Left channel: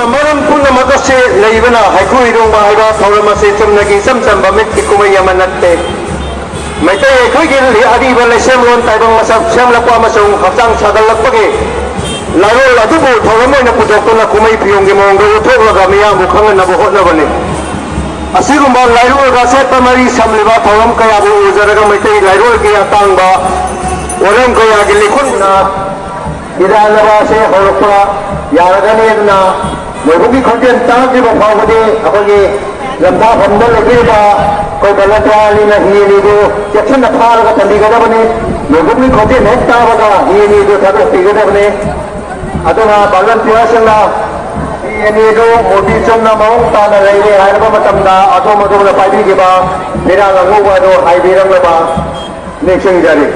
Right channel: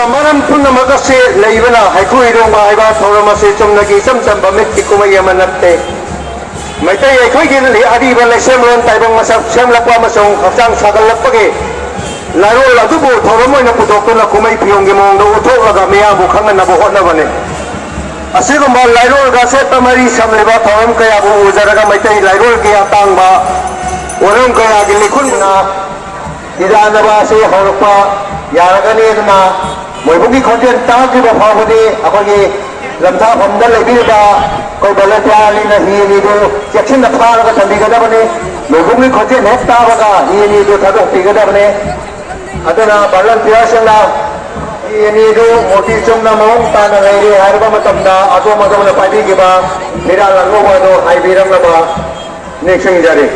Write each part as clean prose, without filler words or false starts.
ꯑꯗꯨꯅ ꯃꯔꯝ ꯄꯨꯝꯅꯃꯛ ꯑꯁꯤ ꯂꯩꯕꯅ ꯍꯩꯀ꯭ꯔꯨ ꯍꯤꯗꯣꯡꯕ ꯍꯥꯏꯕ ꯊꯧꯔꯝ ꯑꯁꯤ ꯆꯨꯝꯅꯒꯤ ꯏꯆꯝ ꯆꯝꯕ ꯃꯤꯠꯀꯤ ꯀꯨꯝꯍꯩ ꯑꯃ ꯅꯠꯇꯦ ꯃꯩꯇꯩ ꯑꯩꯈꯣꯏꯒꯤ ꯑꯔꯤꯕ ꯂꯩꯁꯦꯝꯂꯣꯟ ꯇꯥꯏꯕꯪ ꯃꯁꯛ ꯁꯦꯝꯂꯛꯄ ꯑꯃꯁꯨꯡ ꯍꯛꯆꯥꯡ ꯁꯥꯒꯠꯂꯛꯄꯒꯤ ꯂꯥꯏꯔꯣꯜ ꯑꯗꯨꯕꯨ ꯊꯧꯔꯝ ꯑꯣꯏꯅ ꯄꯨꯊꯣꯛꯇꯨꯅ ꯀꯨꯝꯍꯩ ꯐꯤꯌꯣꯡꯒꯤ ꯃꯑꯣꯡꯗ ꯎꯠꯊꯣꯛꯂꯒ ꯃꯤꯌꯥꯝꯕꯨ ꯈꯪꯍꯟꯅꯕ ꯍꯣꯠꯅꯕꯅꯤ ꯑꯁꯤꯒꯨꯝꯕ ꯂꯥꯏꯔꯣꯜꯒ ꯆꯠꯄ ꯃꯔꯤ ꯁꯝꯂꯤꯕ ꯊꯧꯔꯝ ꯀꯌꯥꯕꯨ ꯎꯖꯔꯒ ꯃꯩꯇꯩ ꯂꯥꯏꯔꯣꯜꯒꯤ ꯑꯇꯥꯡꯕ ꯋꯥꯔꯝ ꯀꯌꯥꯒꯤ ꯂꯤꯈꯨꯟꯅ ꯏꯔꯥꯟꯅꯕ ꯑꯁꯤ ꯍꯧꯔꯛꯄ ꯌꯥꯔꯒꯅꯤ ꯑꯗꯨꯅ ꯃꯣꯏꯕꯨꯡꯒꯤ ꯈꯣꯟꯖꯦꯜ ꯇꯥꯗ꯭ꯔꯤꯕ ꯐꯥꯎꯕꯗꯤ ꯑꯩꯈꯣꯏꯒꯤ ꯂꯝꯊꯥꯐꯝꯗ ꯂꯩꯕꯤꯔꯤꯕ ꯑꯩꯈꯣꯏ ꯚꯣꯂꯟꯇꯤꯌꯥꯔꯅꯤꯅ ꯍꯤ ꯑꯅꯤꯗꯨ ꯆꯦꯛꯁꯤꯟꯅ ꯐꯥꯔꯒ ꯊꯝꯕꯤꯒꯗꯕꯅꯤ ꯃꯣꯏꯕꯨꯡꯒꯤ ꯈꯣꯟꯖꯦꯜ ꯍꯦꯛ ꯇꯥꯕꯒ ꯍꯤ ꯑꯅꯤꯗꯨ ꯊꯥꯗꯣꯛꯄꯤꯒꯗꯕꯅꯤ ꯑꯗꯨꯅ ꯚꯣꯂꯟꯇꯤꯌꯥꯔꯁꯤꯡꯅ ꯍꯤ ꯑꯅꯤꯗꯨ ꯃꯣꯇꯤ ꯆꯨꯝꯅ ꯃꯑꯣꯡ ꯇꯥꯅ ꯂꯩꯔꯦ ꯍꯥꯏꯔꯕ ꯃꯇꯝꯗ ꯑꯗꯣꯝ ꯑꯗꯣꯝꯅ ꯄꯥꯏꯕꯤꯈꯤꯕ ꯐꯤꯔꯥꯜ ꯑꯉꯧꯕ ꯑꯗꯨ ꯍꯥꯏꯕꯤꯔꯛꯅꯕ ꯅꯤꯡꯁꯤꯡꯖꯔꯤ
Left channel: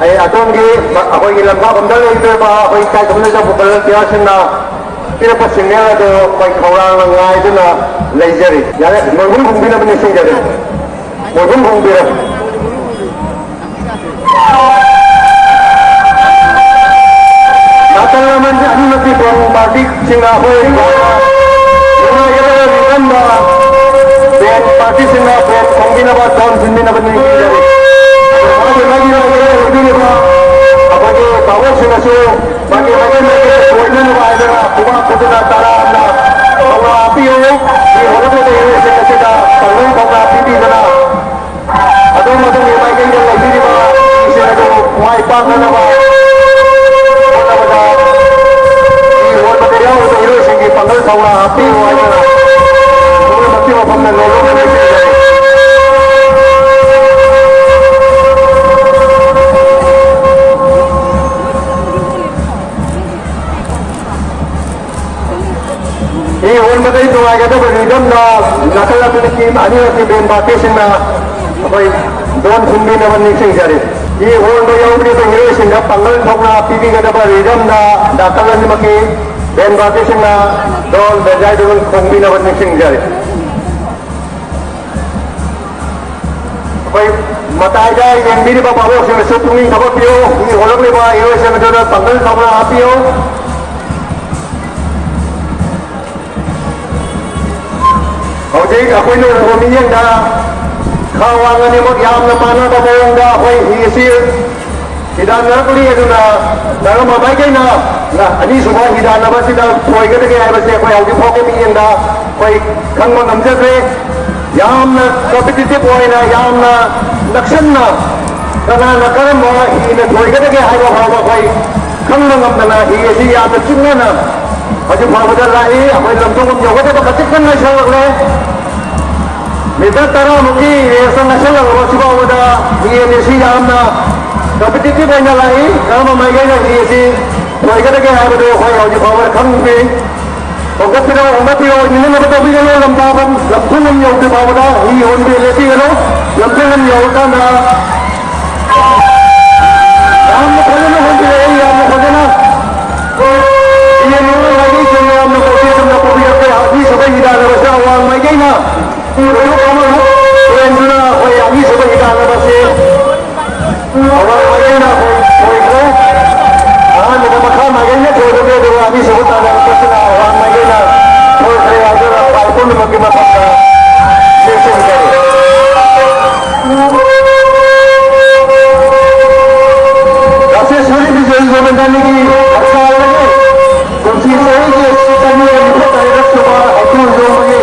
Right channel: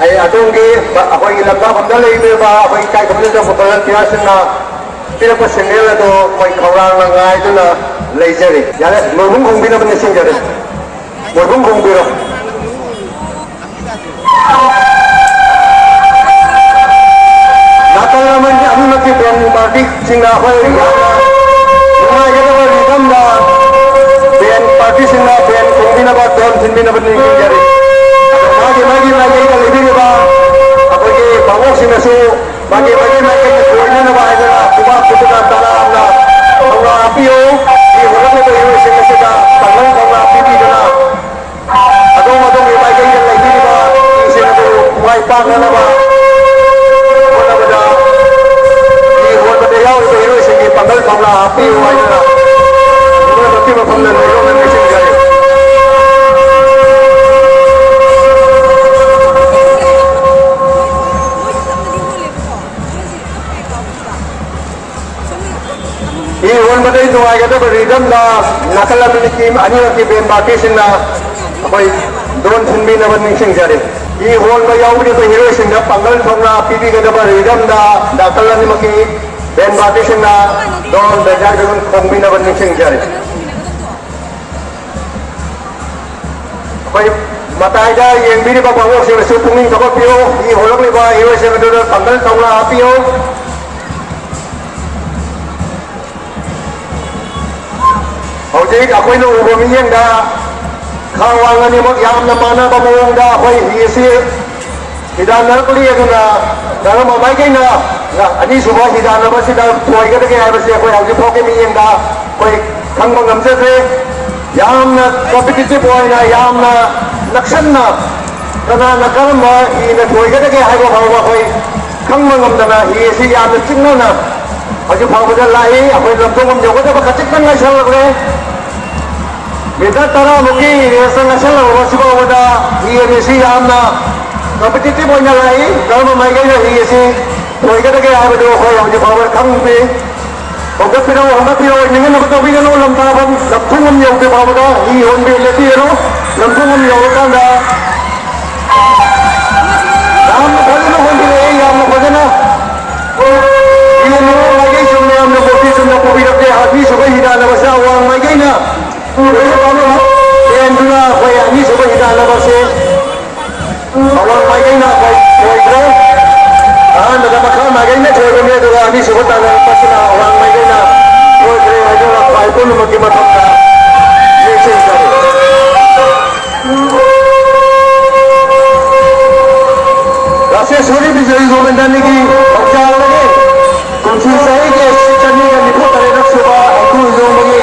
ꯑꯩ ꯑꯗꯣꯝꯒꯤ ꯑꯩꯈꯣꯏꯒꯤ ꯂꯝꯊꯥꯐꯝꯗ ꯂꯩꯔꯤꯕ ꯑꯩꯈꯣꯏ ꯏꯀꯥꯏ ꯈꯨꯝꯅꯖꯕ ꯚꯣꯂꯟꯇꯤꯌꯥꯔꯁꯤꯡꯅ ꯄꯤꯔꯛꯄ ꯁꯤꯒꯅꯦꯜ ꯑꯗꯨ ꯑꯩꯈꯣꯏ ꯈꯧꯔꯥꯡꯅ ꯉꯥꯏꯗꯨꯅ ꯂꯩꯖꯔꯤ ꯌꯥꯔꯦ ꯃꯣꯏꯕꯨꯡ ꯈꯨꯝꯕꯤꯅꯕ ꯅꯤꯡꯁꯤꯡꯖꯔꯤ ꯃꯣꯏꯕꯨꯡ ꯈꯨꯝꯕꯤꯔꯣ ꯅꯥꯀꯜ ꯑꯃꯗ ꯑꯅꯤꯃꯛꯀꯤ ꯕꯦꯟ ꯄꯥꯔꯇꯤꯁꯤꯡꯅ ꯑꯩꯈꯣꯏ ꯌꯥꯝꯅ ꯅꯨꯡꯉꯥꯏꯒꯗꯕ ꯃꯤꯐꯝꯗ ꯕꯦꯟ ꯄꯥꯔꯇꯤꯁꯤꯡꯅ ꯕꯦꯟ ꯈꯣꯡꯕꯤꯅꯕ ꯗꯣꯟ ꯊꯤꯟꯕꯤꯅꯕ ꯅꯤꯡꯁꯤꯡꯖꯔꯤ मागे लेबीरबा अखोगे बाबोसिंगसु मागे कोइनना बायदना खुबा खुदना तारामना खौरा पियो ये होलगे येसिंगसिदा तंगन खौरा पिबीदना अदोम अदोम मागे लेबीरबा इसेनदो कुमाई पाखनबा होनबदा ये होलगे येसिंगी तंगन खौरा पियो आयदना तुमे मति मफमना लोलो नेसे ये होल मदई नुआइगदब रिदमना नाकलमनि की अनिरकी बेन बाकीसिंगना अखोई दोन थिनबिनब निंसिंगजरी ये होल द यावबनिबा हिरोइसिंगना पंगल थौना पिबिगदब रिदमना नाकलमनि बेन बाकीसिंगना दोन बेजाय दोन खोंबिनब निंसिंगजरी अखोई मताइदा येंबिरिबा बाबोसिंगसु पुंगिंग थबपियो ये होलगलिबा हिरोइसिंगदो पंगल थौना आपियो हौजिक अखोइनो उबो मियंदा खावांगनि मक यामना पानाबा मओंदा अखोइ हिसि हिदा नरकलि अदुना नरम माइकैना अनि सुबा हिदा नबसिदा थोइगदगे हाबसे अखोइ हौजिक फोके मियंदा अखोइ खंग ngमजसे यामना कॉम्पिटिटिव ओइना यामना नक्सनना कना करम हिने थोइगदगे हाबा फावबा अखोइ खंग ngमदना हिसि यामना चिन्नना अजु फावदा लाई अखोइ लमजंगम जगदबा कचिकन लाइसलगले मिता तरा मुकी रेसन नसल वसिबावदा हिएसी यामना कॉम्पिटिटिव ओइना लाई करम माइगैना हिएसी थोइगदगे हाबदो अखोइ अजु फावदा खंगबे ओगपिरा ओगपिरा निगम बतबिगनो लमदाबम लपथुम यंति फावदा हि होंबि लेतिगनो लमथुम यवकाना यामना फजना होंबि यामना फजना ये निगम लागे सुने हमने बत्ती सुने को भी रखे आदमी सुबह ही डाला बसा हुआ मैं कहीं ना वो काम है ये इंदुना कोई आदमी सुबह ही डाला बसे और मैं कहीं ना कोई को हाँ मेरा मकान मैं कहीं ना छोड़ दूँगा तो आदमी सुबह डाला बसे ना और मैं कहीं ना वो कोई आगे वो पाइपों में की मत का ये चीज़ करो कैसे सूर्य भी जो इस वक्त डालने की अच्छा लगे कुछ सही के चलने का निपुण तरह सुबह अकुल जो मगे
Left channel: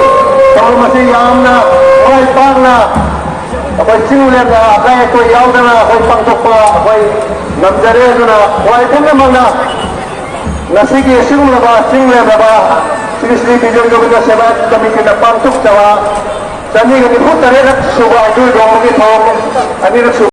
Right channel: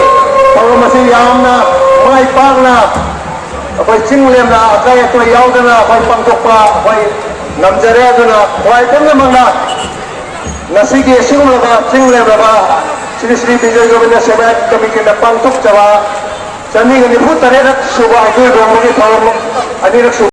तो मसीह यामना कोई पागना कोई चिंगलेमना कोई कोई यावदना कोई पंचोपा कोई नमजरे ना कोई कुछ मंगा नसी के चिंगलेबा चिंगलेबा श्री श्री विजय गोविंद सेवा कमी के पंचोप चवा चलने का निपुण तरह सुबह अकुल जो मगे था अनिरक्षु